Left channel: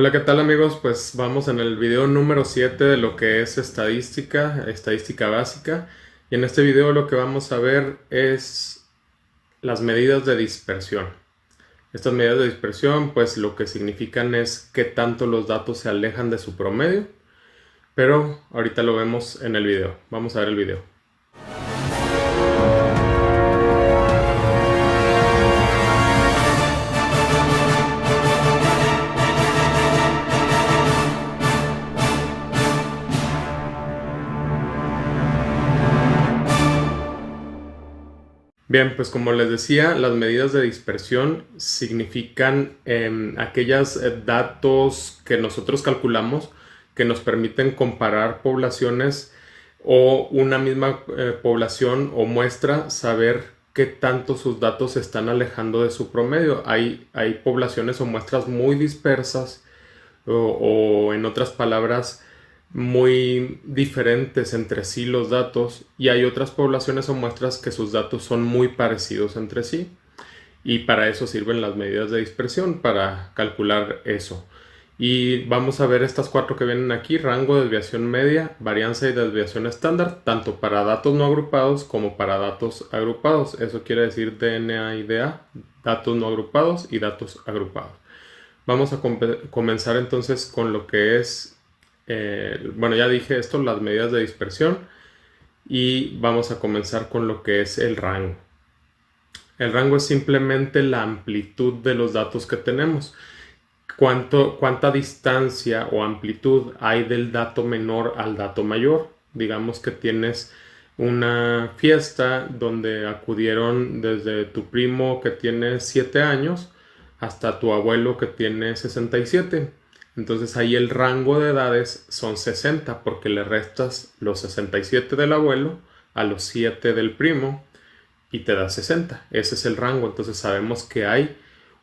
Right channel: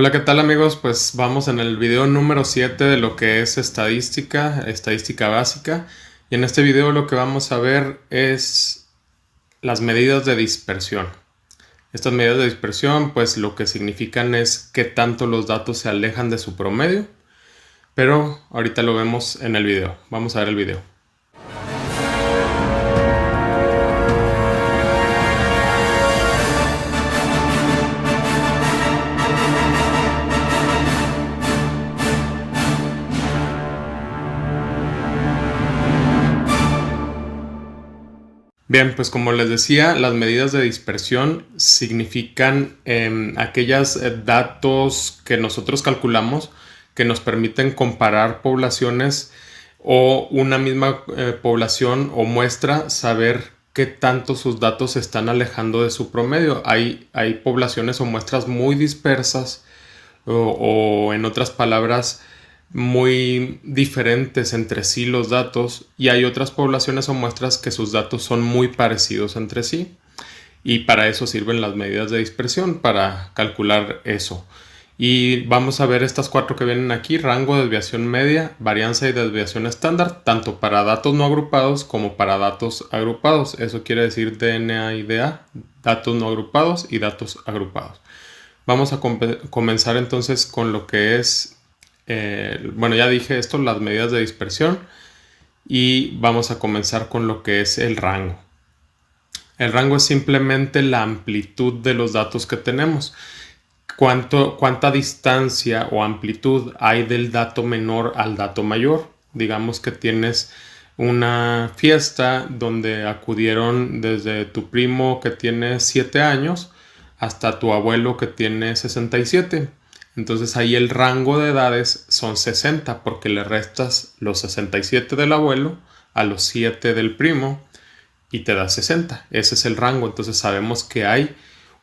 Hola, ¿qué tal amigos? Pues vamos en el video número 7 de lo que es estadística básica. Y en este video lo que vamos a ver es las medidas de dispersión. Estas medidas de dispersión pues lo que significan es qué tanto los datos se alejan de su promedio. Pero ahorita lo vemos en el video. Vamos a ver el video. Bien, pues como les decía, las medidas de dispersión significan aquellos datos que nosotros calculamos que nos permiten comparar poblaciones o una misma población o muestra, saber qué tanto sus datos se están alejando de su promedio. Hay poblaciones o muestras muy dispersas o en otras palabras, muy diferentes entre sí los datos, y hay otras poblaciones o muestras que sus datos son muy parecidos entre sí, y para eso sirven las medidas de dispersión, para calcular eso. Y vamos a ver estas cuatro que vienen aquí: rango, desviación media, varianza y desviación estándar, tanto para datos no agrupados como para datos agrupados. Eso quiere decir DNA y DA, datos no agrupados y datos agrupados. Vamos a comenzar entonces con lo que es, bueno, ya dije esto, las medidas de dispersión, y vamos a comenzar con lo que es el rango. El rango es simplemente la amplitud de los datos que tenemos. Cuánta distancia o amplitud hay del dato menor al dato mayor. Digamos que tienes una fiesta donde acudieron desde tu primo que tiene 7 años hasta tu abuelo que tiene 67. Entonces ahí el rango de edades son 60 porque le restas los 67 del abuelo a los 7 del primo y te da 60. Ese es el rango. Entonces sabemos que hay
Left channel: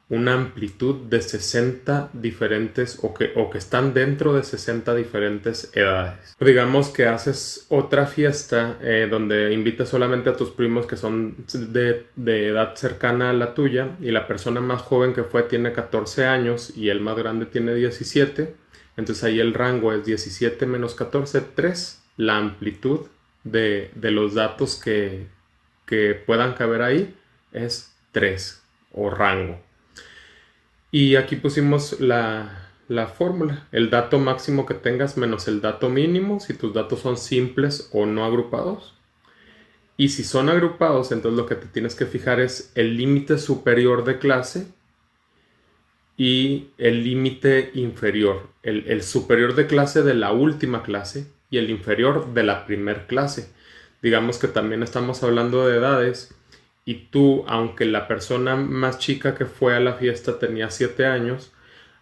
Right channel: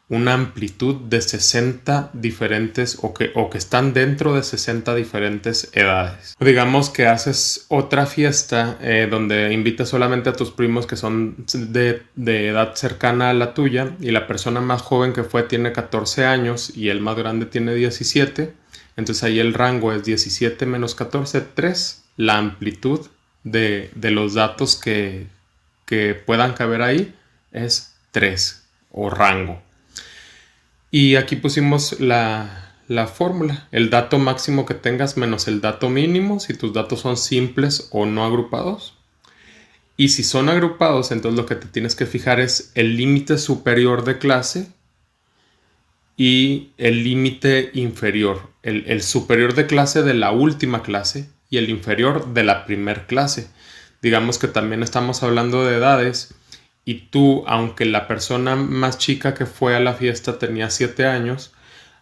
una amplitud de 60 diferentes o que están dentro de 60 diferentes edades. O digamos que haces otra fiesta donde invitas solamente a tus primos que son de edad cercana a la tuya, y la persona más joven que fue tiene 14 años y el más grande tiene 17. Entonces ahí el rango es 17 menos 14, 3. La amplitud de los datos que puedan caber ahí es 3 o rango. Y aquí pusimos la fórmula: el dato máximo que tengas menos el dato mínimo si tus datos son simples o no agrupados. Y si son agrupados, entonces lo que te tienes que fijar es el límite superior de clase y el límite inferior. El superior de clase de la última clase y el inferior de la primer clase. Digamos que también estamos hablando de edades, y tú, aunque la persona más chica que fue a la fiesta tenía 7 años,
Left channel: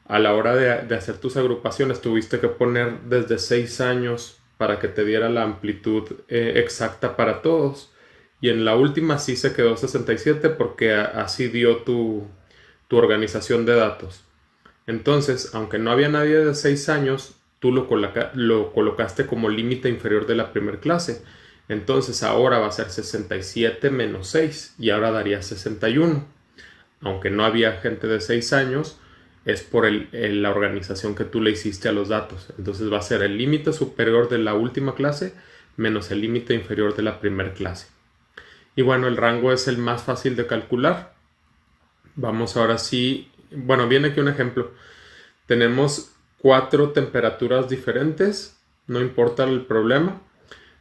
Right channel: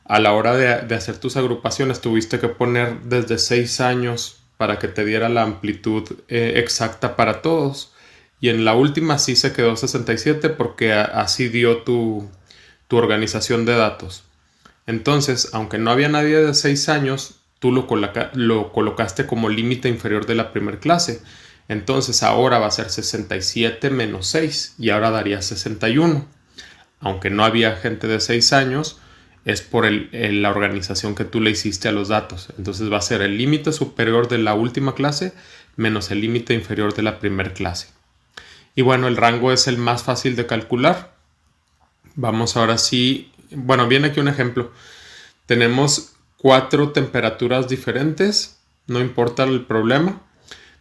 a la hora de hacer tus agrupaciones tuviste que poner desde 6 años para que te diera la amplitud exacta para todos. Y en la última sí se quedó 67 porque así dio tu organización de datos. Entonces, aunque no había nadie de 6 años, tú lo colocaste como límite inferior de la primera clase. Entonces ahora va a ser 67 menos 6 y ahora daría 61. Aunque no había gente de 6 años, es por la organización que tú le hiciste a los datos. Entonces va a ser el límite superior de la última clase menos el límite inferior de la primera clase. Y bueno, el rango es el más fácil de calcular. Vamos ahora sí, bueno, viene aquí un ejemplo. Tenemos 4 temperaturas diferentes, no importa el problema.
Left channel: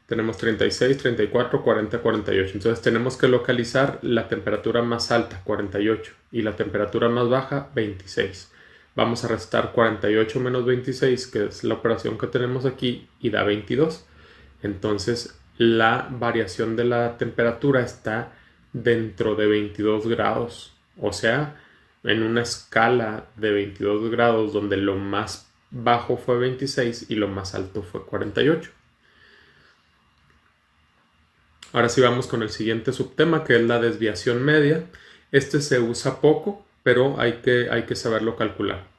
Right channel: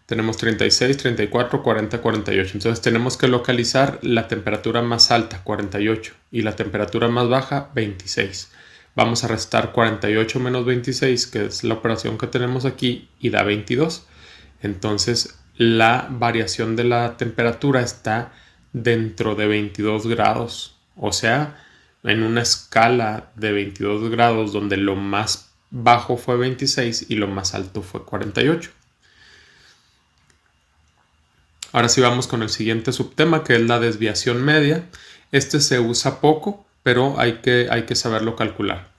Tenemos 36, 34, 40, 48. Entonces tenemos que localizar la temperatura más alta, 48, y la temperatura más baja, 26. Vamos a restar 48 menos 26, que es la operación que tenemos aquí, y da 22. Entonces la variación de la temperatura está dentro de 22 grados. O sea, en una escala de 22 grados donde lo más bajo fue 26 y lo más alto fue 48. Ahora sí vamos con el siguiente subtema, que es la desviación media. Este se usa poco, pero hay que saberlo calcular.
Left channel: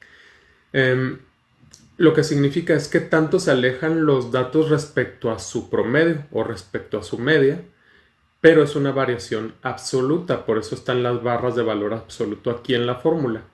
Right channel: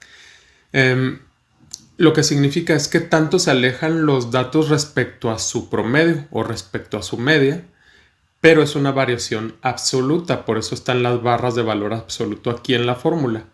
Lo que significa es que tanto se alejan los datos respecto a su promedio o respecto a su media, pero es una variación absoluta, por eso están las barras de valor absoluto aquí en la fórmula.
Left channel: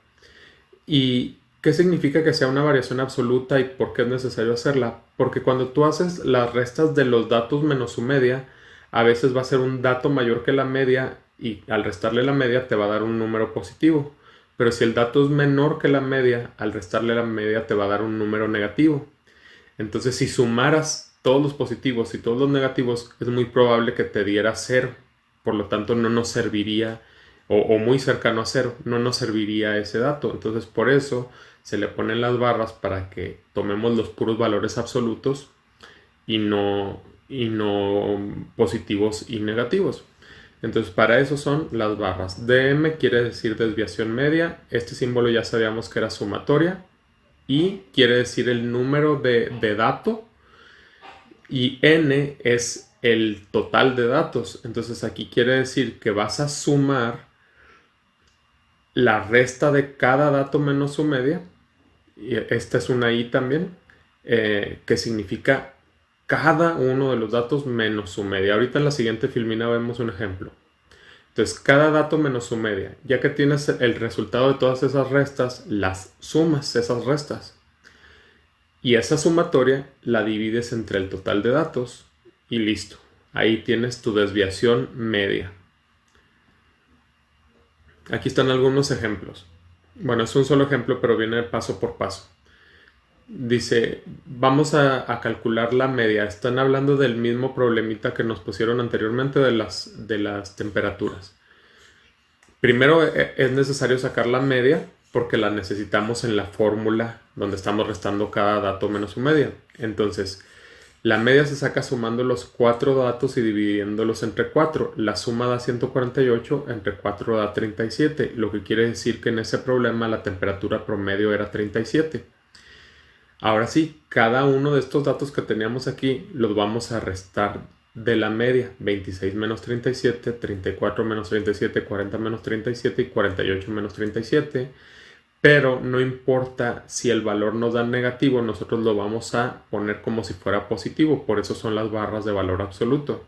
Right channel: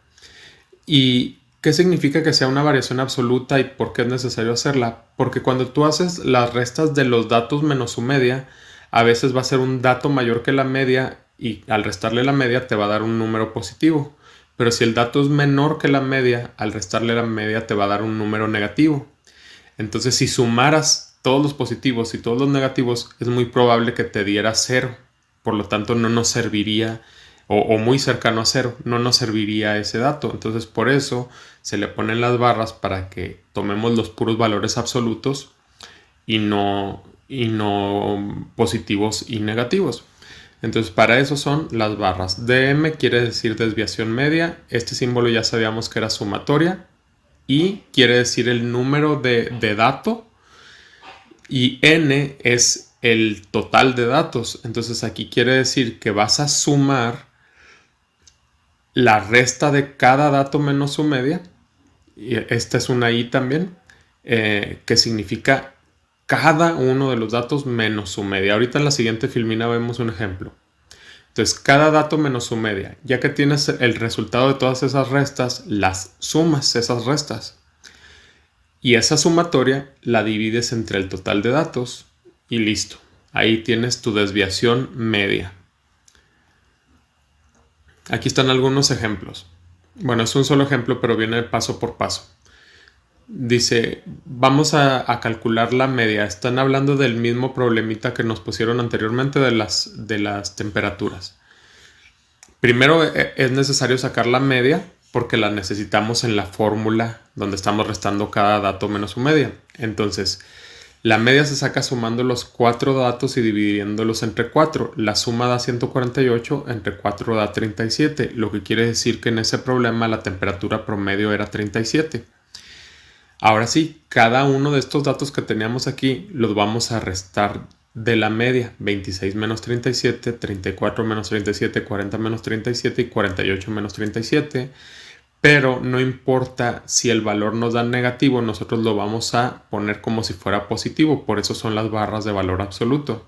Y ¿Qué significa que sea una variación absoluta y por qué es necesario hacerla? Porque cuando tú haces las restas de los datos menos su media, a veces va a ser un dato mayor que la media y al restarle la media te va a dar un número positivo. Pero si el dato es menor que la media, al restarle la media te va a dar un número negativo. Entonces, si sumaras todos los positivos y todos los negativos, es muy probable que te diera cero. Por lo tanto, no nos serviría, o muy cercano a cero, no nos serviría ese dato. Entonces, por eso se le ponen las barras para que tomemos los puros valores absolutos y no positivos y negativos. Entonces, para eso son las barras. DM quiere decir desviación media. Este símbolo ya sabíamos que era sumatoria. Y quiere decir el número de dato. Y N es el total de datos. Entonces, aquí quiere decir que vas a sumar la resta de cada dato menos su media. Y esta es una I también, que significa cada uno de los datos menos su media. Ahorita en la siguiente filmina vemos un ejemplo. Entonces, cada dato menos su media. Ya que tienes el resultado de todas esas restas, las sumas esas restas. Y esa sumatoria la divides entre el total de datos y listo. Ahí tienes tu desviación media. Aquí están algunos ejemplos. Bueno, es un solo ejemplo, pero viene paso por paso. Dice, vamos a calcular la media. Están hablando del mismo problemita que nos pusieron anteriormente de las temperaturas. Primero es necesario sacar la media porque la necesitamos en la fórmula donde estamos restando cada dato menos su media. Entonces, la media se saca sumando los 4 datos y dividiéndolos entre 4. La suma da 148, entre 4 da 37, lo que quiere decir que en ese problema la temperatura promedio era 37. Ahora sí, cada uno de estos datos que teníamos aquí los vamos a restar de la media. 26 menos 37, 34 menos 37, 40 menos 37 y 48 menos 37. Pero no importa si el valor nos da negativo, nosotros lo vamos a poner como si fuera positivo. Por eso son las barras de valor absoluto.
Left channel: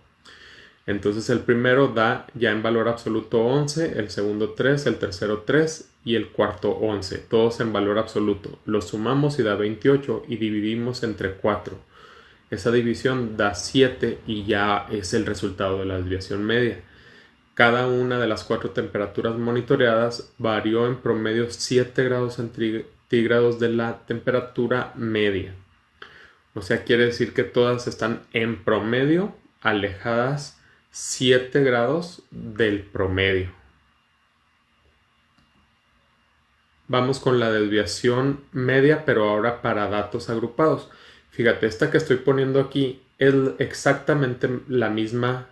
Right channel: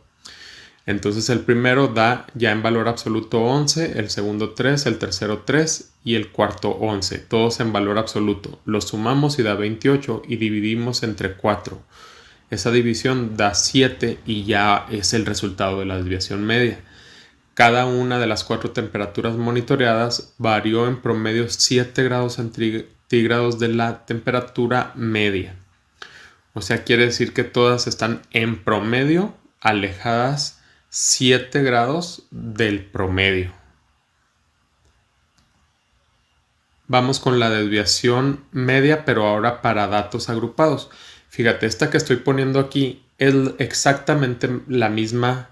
Entonces el primero da ya en valor absoluto 11, el segundo 3, el tercero 3 y el cuarto 11. Todos en valor absoluto. Los sumamos y da 28 y dividimos entre 4. Esa división da 7 y ya es el resultado de la desviación media. Cada una de las 4 temperaturas monitoreadas varió en promedio 7 grados centígrados de la temperatura media. O sea, quiere decir que todas están en promedio alejadas 7 grados del promedio. Vamos con la desviación media, pero ahora para datos agrupados. Fíjate, esta que estoy poniendo aquí es exactamente la misma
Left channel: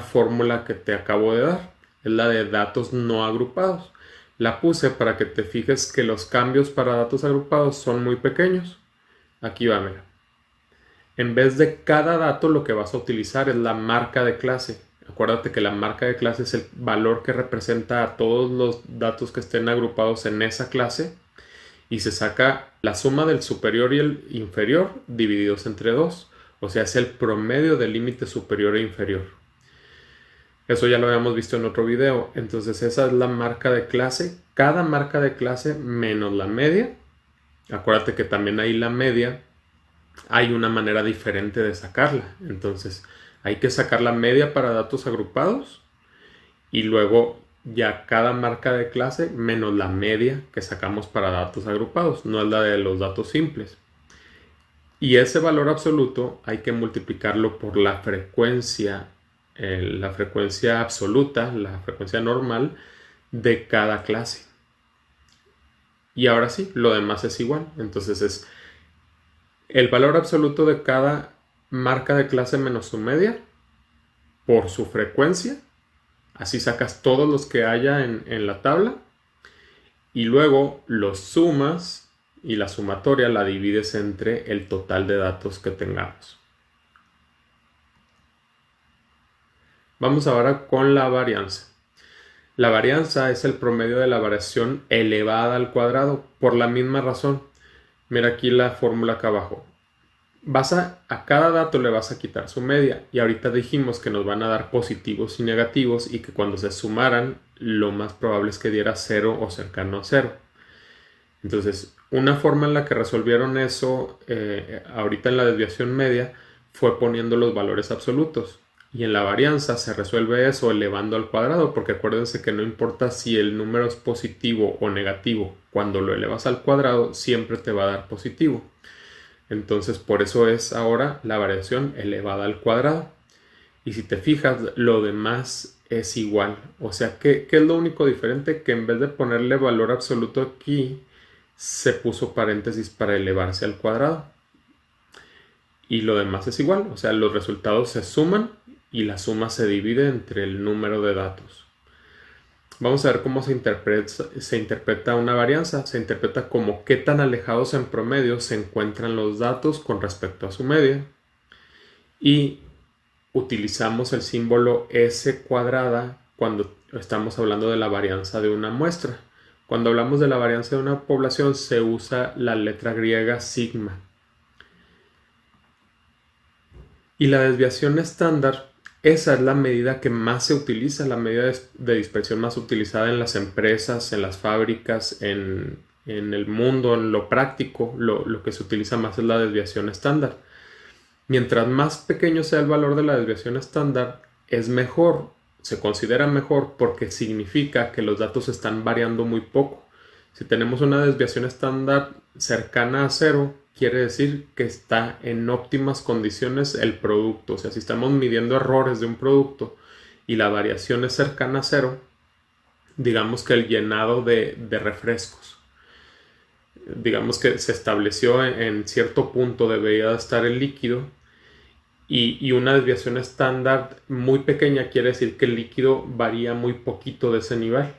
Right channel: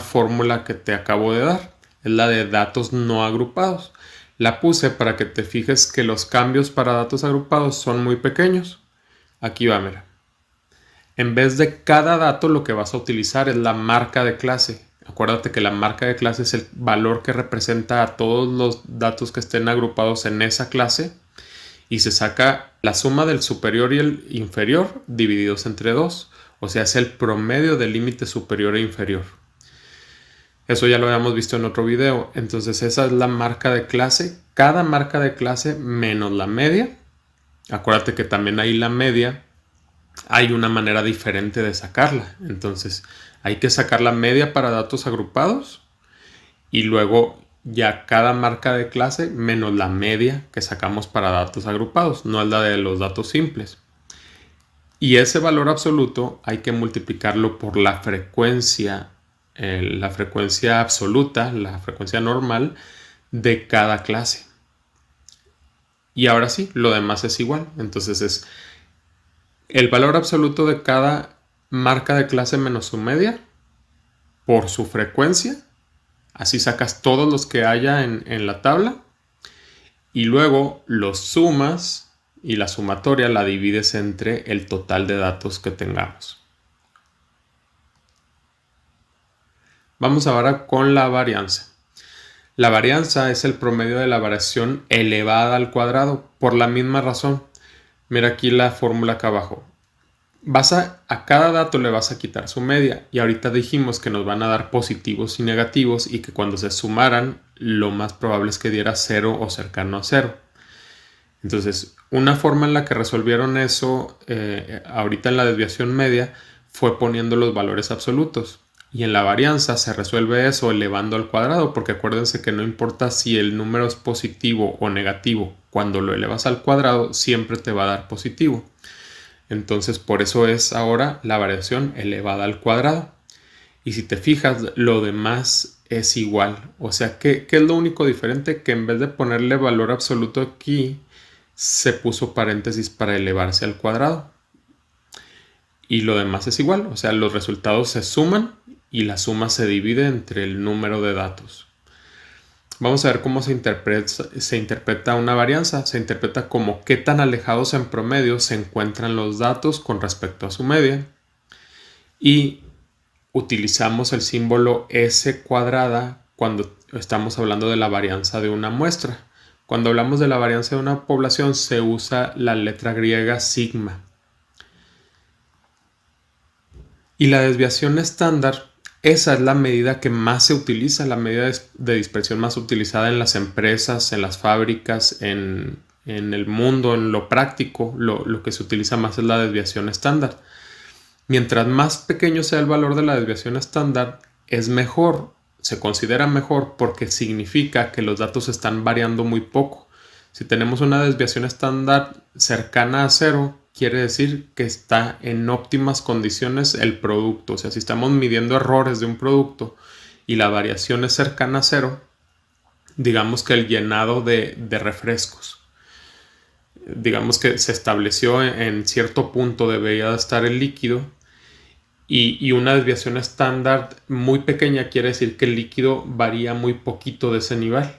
fórmula que te acabo de dar. Es la de datos no agrupados. La puse para que te fijes que los cambios para datos agrupados son muy pequeños. Aquí va, mira. En vez de cada dato, lo que vas a utilizar es la marca de clase. Acuérdate que la marca de clase es el valor que representa a todos los datos que estén agrupados en esa clase y se saca la suma del superior y el inferior divididos entre 2. O sea, es el promedio del límite superior e inferior. Eso ya lo habíamos visto en otro video. Entonces esa es la marca de clase. Cada marca de clase menos la media. Acuérdate que también ahí la media hay una manera diferente de sacarla. Entonces hay que sacar la media para datos agrupados y luego ya cada marca de clase menos la media que sacamos para datos agrupados, no es la de los datos simples. Y ese valor absoluto hay que multiplicarlo por la frecuencia absoluta, la frecuencia normal de cada clase. Y ahora sí, lo demás es igual. Entonces es el valor absoluto de cada marca de clase menos su media por su frecuencia. Así sacas todos los que haya en la tabla. Y luego los sumas y la sumatoria la divides entre el total de datos que tengamos. Vamos ahora con la varianza. La varianza es el promedio de la variación elevada al cuadrado por la misma razón. Mira aquí la fórmula acá abajo. A cada dato le vas a quitar su media y ahorita dijimos que nos van a dar positivos y negativos y que cuando se sumaran lo más probable es que diera 0 o cercano a 0. Entonces, una forma en la que resolvieron eso ahorita en la desviación media fue poniendo los valores absolutos. Y en la varianza se resuelve eso elevando al cuadrado, porque acuérdense que no importa si el número es positivo o negativo, cuando lo elevas al cuadrado siempre te va a dar positivo. Entonces por eso es ahora la variación elevada al cuadrado. Y si te fijas, lo demás es igual. O sea, ¿qué es lo único diferente? Que en vez de ponerle valor absoluto aquí, se puso paréntesis para elevarse al cuadrado. Y lo demás es igual. O sea, los resultados se suman y la suma se divide entre el número de datos. Vamos a ver cómo se interpreta una varianza. Se interpreta como qué tan alejados en promedio se encuentran los datos con respecto a su media. Y utilizamos el símbolo S cuadrada cuando estamos hablando de la varianza de una muestra. Cuando hablamos de la varianza de una población se usa la letra griega sigma. Y la desviación estándar, esa es la medida que más se utiliza, la medida de dispersión más utilizada en las empresas, en las fábricas, en el mundo, en lo práctico, lo que se utiliza más es la desviación estándar. Mientras más pequeño sea el valor de la desviación estándar, es mejor, se considera mejor porque significa que los datos están variando muy poco. Si tenemos una desviación estándar cercana a cero, quiere decir que está en óptimas condiciones el producto. O sea, si estamos midiendo errores de un producto y la variación es cercana a cero, digamos que el llenado de refrescos, digamos que se estableció en cierto punto debería estar el líquido y una desviación estándar muy pequeña quiere decir que el líquido varía muy poquito de ese nivel.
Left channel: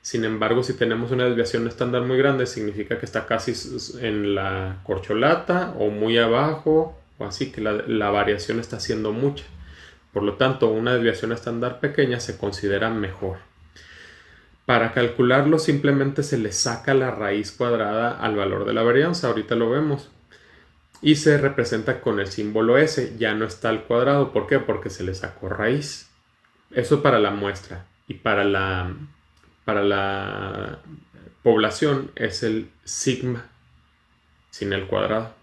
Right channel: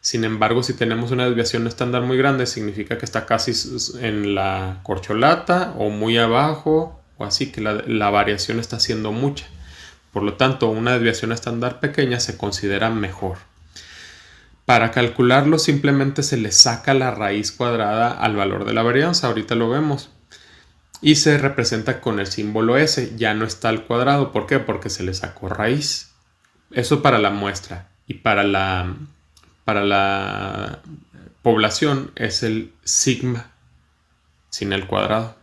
Sin embargo, si tenemos una desviación estándar muy grande, significa que está casi en la corcholata o muy abajo, o así que la variación está siendo mucha. Por lo tanto, una desviación estándar pequeña se considera mejor. Para calcularlo, simplemente se le saca la raíz cuadrada al valor de la varianza. Ahorita lo vemos. Y se representa con el símbolo S. Ya no está al cuadrado. ¿Por qué? Porque se le sacó raíz. Eso para la muestra. Y para la población es el sigma sin el cuadrado.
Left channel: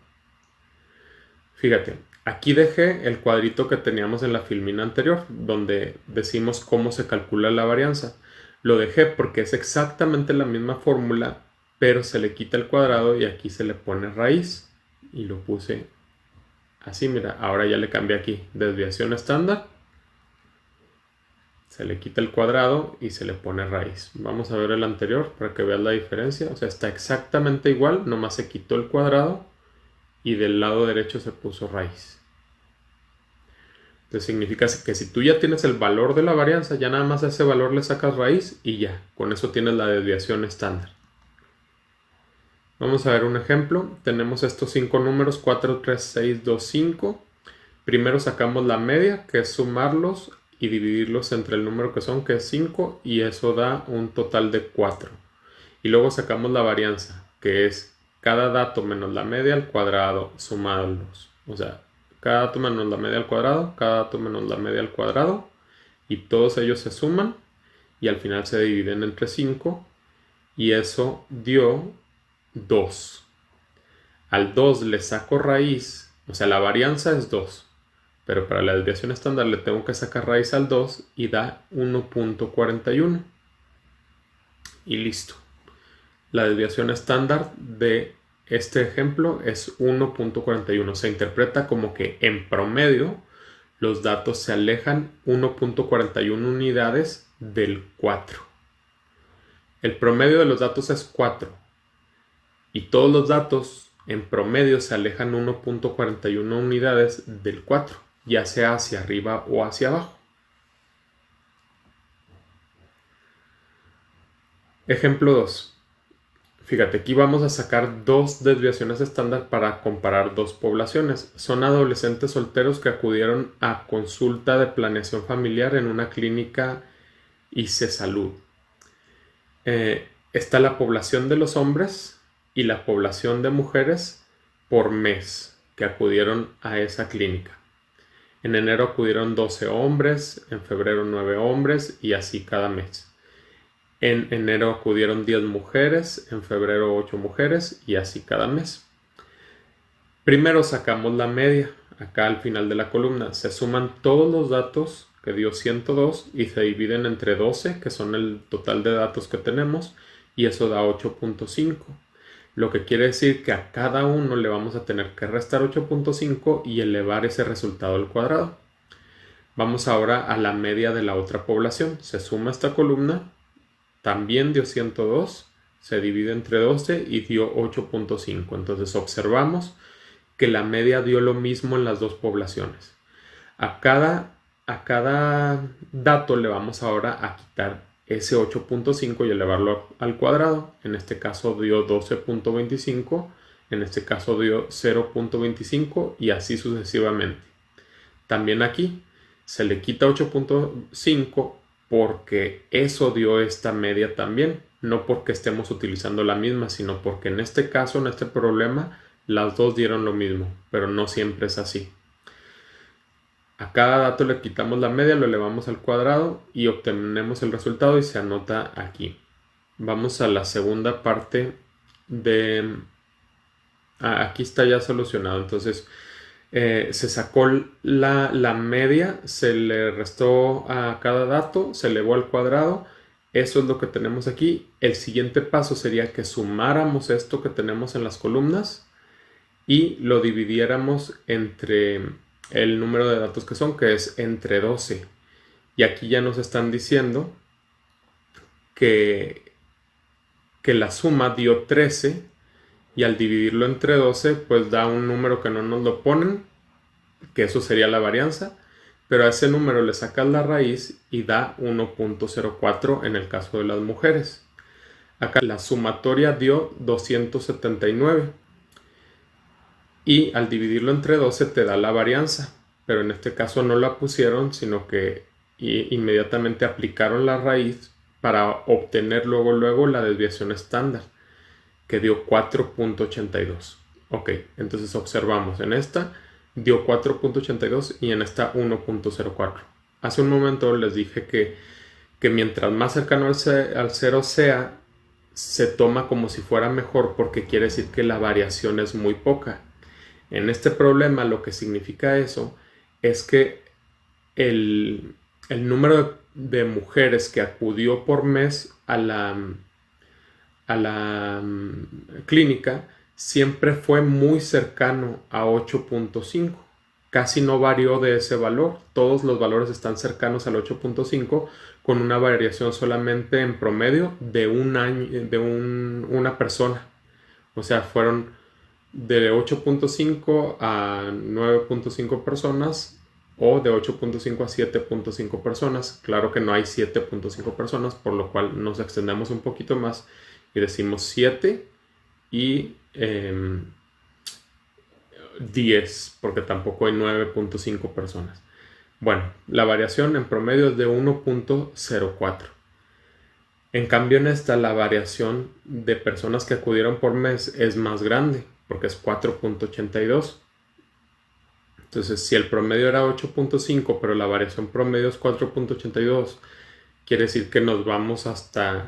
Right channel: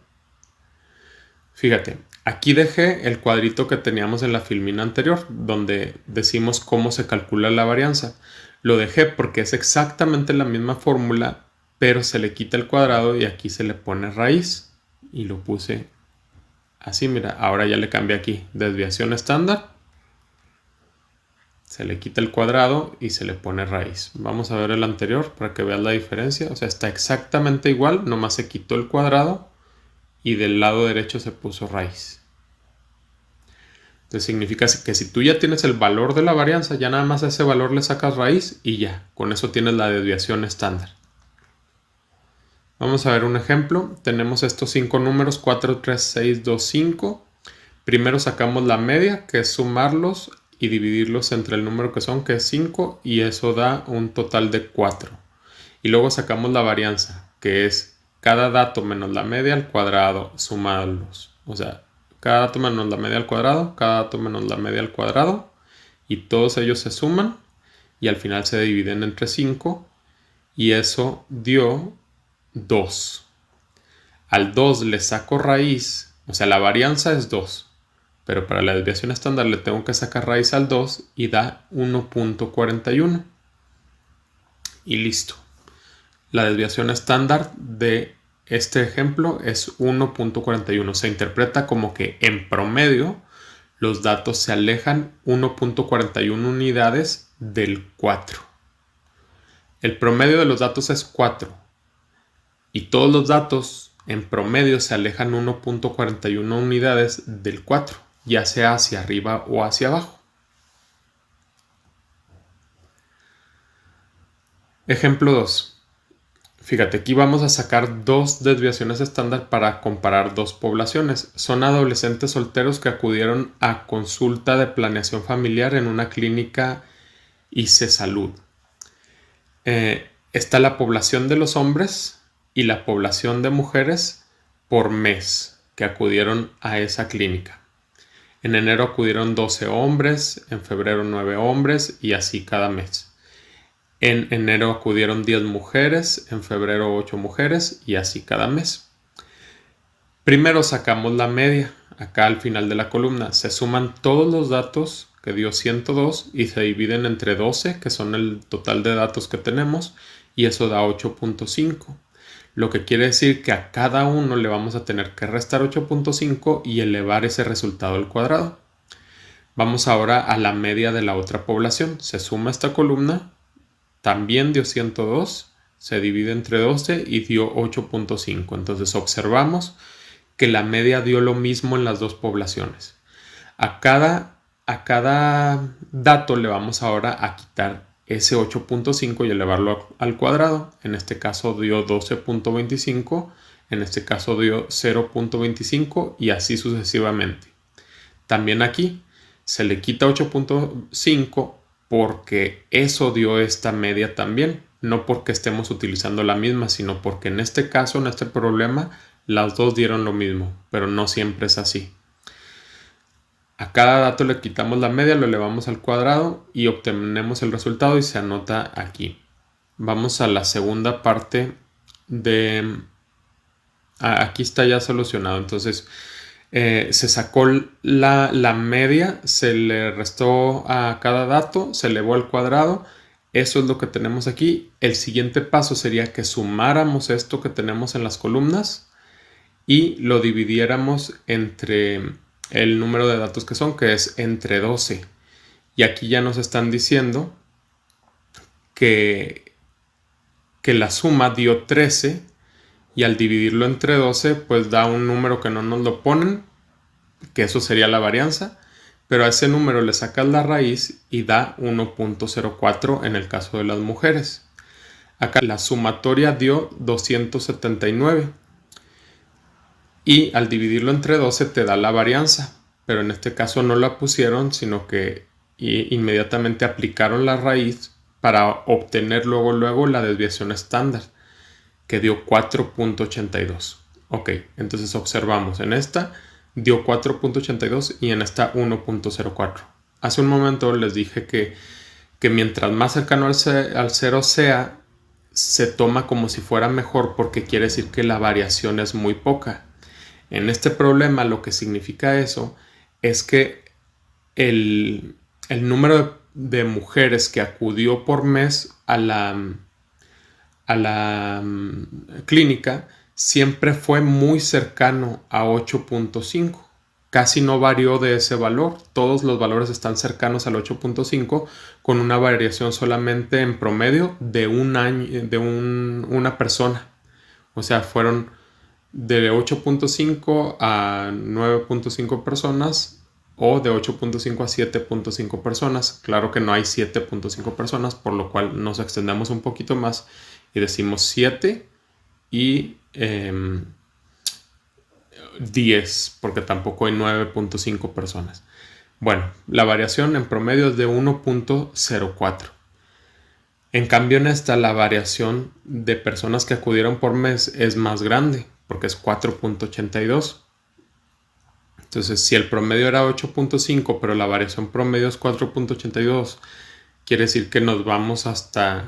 Fíjate, aquí dejé el cuadrito que teníamos en la filmina anterior, donde decimos cómo se calcula la varianza. Lo dejé porque es exactamente la misma fórmula, pero se le quita el cuadrado y aquí se le pone raíz. Y lo puse así, mira, ahora ya le cambié aquí, desviación estándar. Se le quita el cuadrado y se le pone raíz. Vamos a ver el anterior para que veas la diferencia. O sea, está exactamente igual, nomás se quitó el cuadrado y del lado derecho se puso raíz. Entonces significa que si tú ya tienes el valor de la varianza, ya nada más a ese valor le sacas raíz y ya, con eso tienes la desviación estándar. Vamos a ver un ejemplo. Tenemos estos 5 números, 4, 3, 6, 2, 5. Primero sacamos la media, que es sumarlos y dividirlos entre el número que son, que es 5, y eso da un total de 4. Y luego sacamos la varianza, que es cada dato menos la media al cuadrado, sumarlos. O sea, cada dato menos la media al cuadrado, cada dato menos la media al cuadrado, y todos ellos se suman y al final se dividen entre 5 y eso dio 2. Al 2 le saco raíz, o sea, la varianza es 2, pero para la desviación estándar le tengo que sacar raíz al 2 y da 1.41. Y listo. La desviación estándar de este ejemplo es 1.41. Se interpreta como que en promedio los datos se alejan 1.41 unidades del 4. El promedio de los datos es 4 y todos los datos en promedio se alejan 1.41 unidades del 4, ya sea hacia arriba o hacia abajo. Ejemplo 2. Fíjate, aquí vamos a sacar dos desviaciones estándar para comparar dos poblaciones. Son adolescentes solteros que acudieron a consulta de planeación familiar en una clínica ICE Salud. Está la población de los hombres y la población de mujeres por mes que acudieron a esa clínica. En enero acudieron 12 hombres, en febrero 9 hombres y así cada mes. En enero acudieron 10 mujeres, en febrero 8 mujeres y así cada mes. Primero sacamos la media, acá al final de la columna. Se suman todos los datos que dio 102 y se dividen entre 12, que son el total de datos que tenemos, y eso da 8.5. Lo que quiere decir que a cada uno le vamos a tener que restar 8.5 y elevar ese resultado al cuadrado. Vamos ahora a la media de la otra población. Se suma esta columna, también dio 102, se divide entre 12 y dio 8.5. Entonces observamos que la media dio lo mismo en las dos poblaciones. A cada dato le vamos ahora a quitar ese 8.5 y elevarlo al cuadrado. En este caso dio 12.25, en este caso dio 0.25 y así sucesivamente. También aquí se le quita 8.5 porque eso dio esta media también, no porque estemos utilizando la misma, sino porque en este caso, en este problema, las dos dieron lo mismo, pero no siempre es así. A cada dato le quitamos la media, lo elevamos al cuadrado y obtenemos el resultado y se anota aquí. Vamos a la segunda parte de... aquí está ya solucionado. Entonces se sacó la media, se le restó a cada dato, se elevó al cuadrado. Eso es lo que tenemos aquí. El siguiente paso sería que sumáramos esto que tenemos en las columnas y lo dividiéramos entre el número de datos que son, que es entre 12. Y aquí ya nos están diciendo que la suma dio 13 y al dividirlo entre 12 pues da un número que no nos lo ponen, que eso sería la varianza, pero a ese número le sacas la raíz y da 1.04 en el caso de las mujeres. Acá la sumatoria dio 279 y al dividirlo entre 12 te da la varianza, pero en este caso no la pusieron, sino que inmediatamente aplicaron la raíz para obtener luego la desviación estándar, que dio 4.82. Ok, entonces observamos, en esta dio 4.82 y en esta 1.04. Hace un momento les dije que mientras más cercano al cero sea, se toma como si fuera mejor porque quiere decir que la variación es muy poca. En este problema lo que significa eso es que el número de mujeres que acudió por mes a la clínica siempre fue muy cercano a 8.5. Casi no varió de ese valor. Todos los valores están cercanos al 8.5 con una variación solamente en promedio de un año, de una persona. O sea, fueron de 8.5 a 9.5 personas o de 8.5 a 7.5 personas. Claro que no hay 7.5 personas, por lo cual nos extendemos un poquito más y decimos 7 y 10, porque tampoco hay 9.5 personas. Bueno, la variación en promedio es de 1.04. En cambio, en esta la variación de personas que acudieron por mes es más grande, porque es 4.82. Entonces, si el promedio era 8.5, pero la variación promedio es 4.82, quiere decir que nos vamos hasta,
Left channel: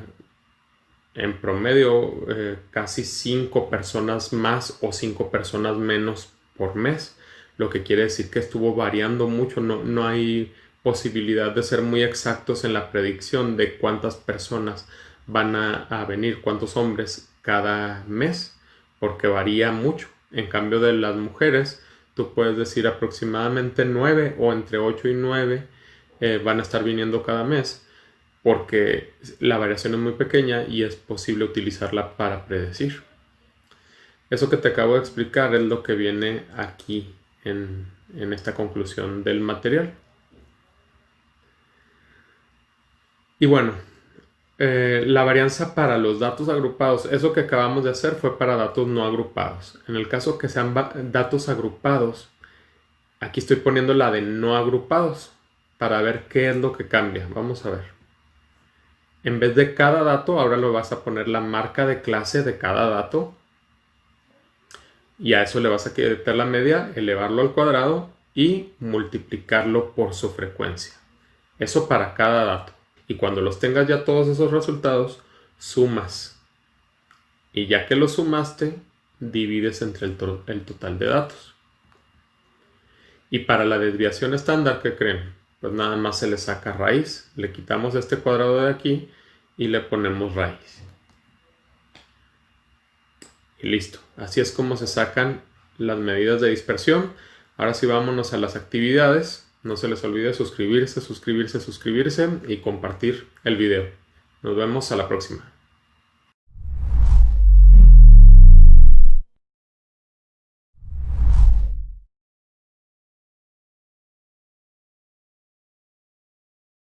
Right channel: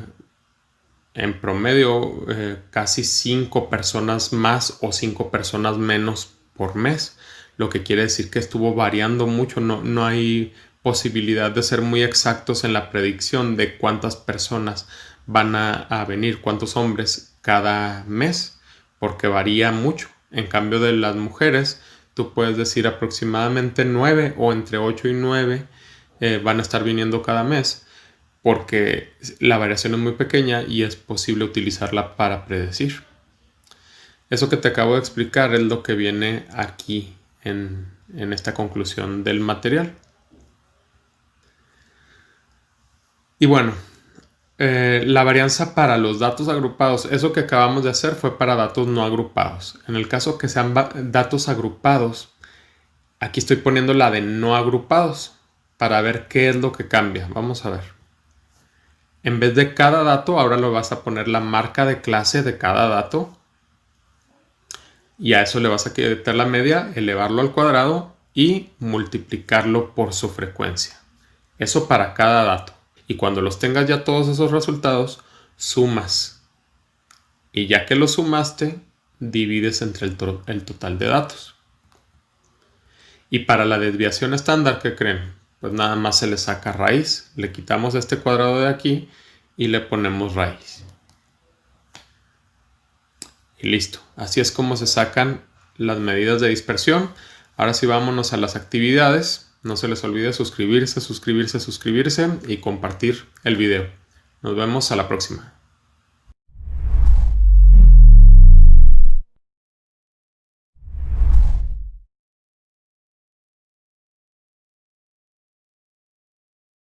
en promedio, casi 5 personas más o 5 personas menos por mes. Lo que quiere decir que estuvo variando mucho. No hay posibilidad de ser muy exactos en la predicción de cuántas personas van a venir, cuántos hombres cada mes, porque varía mucho. En cambio de las mujeres, tú puedes decir aproximadamente 9 o entre 8 y 9 van a estar viniendo cada mes, porque la variación es muy pequeña y es posible utilizarla para predecir. Eso que te acabo de explicar es lo que viene aquí en esta conclusión del material. Y bueno, la varianza para los datos agrupados, eso que acabamos de hacer fue para datos no agrupados. En el caso que sean datos agrupados, aquí estoy poniendo la de no agrupados para ver qué es lo que cambia. Vamos a ver. En vez de cada dato, ahora lo vas a poner la marca de clase de cada dato. Y a eso le vas a quitar la media, elevarlo al cuadrado y multiplicarlo por su frecuencia. Eso para cada dato. Y cuando los tengas ya todos esos resultados, sumas. Y ya que los sumaste, divides entre el total de datos. Y para la desviación estándar, ¿qué creen? Pues nada más se le saca raíz. Le quitamos este cuadrado de aquí y le ponemos raíz. Y listo. Así es como se sacan las medidas de dispersión. Ahora sí, vámonos a las actividades. No se les olvide suscribirse y compartir el video. Nos vemos a la próxima.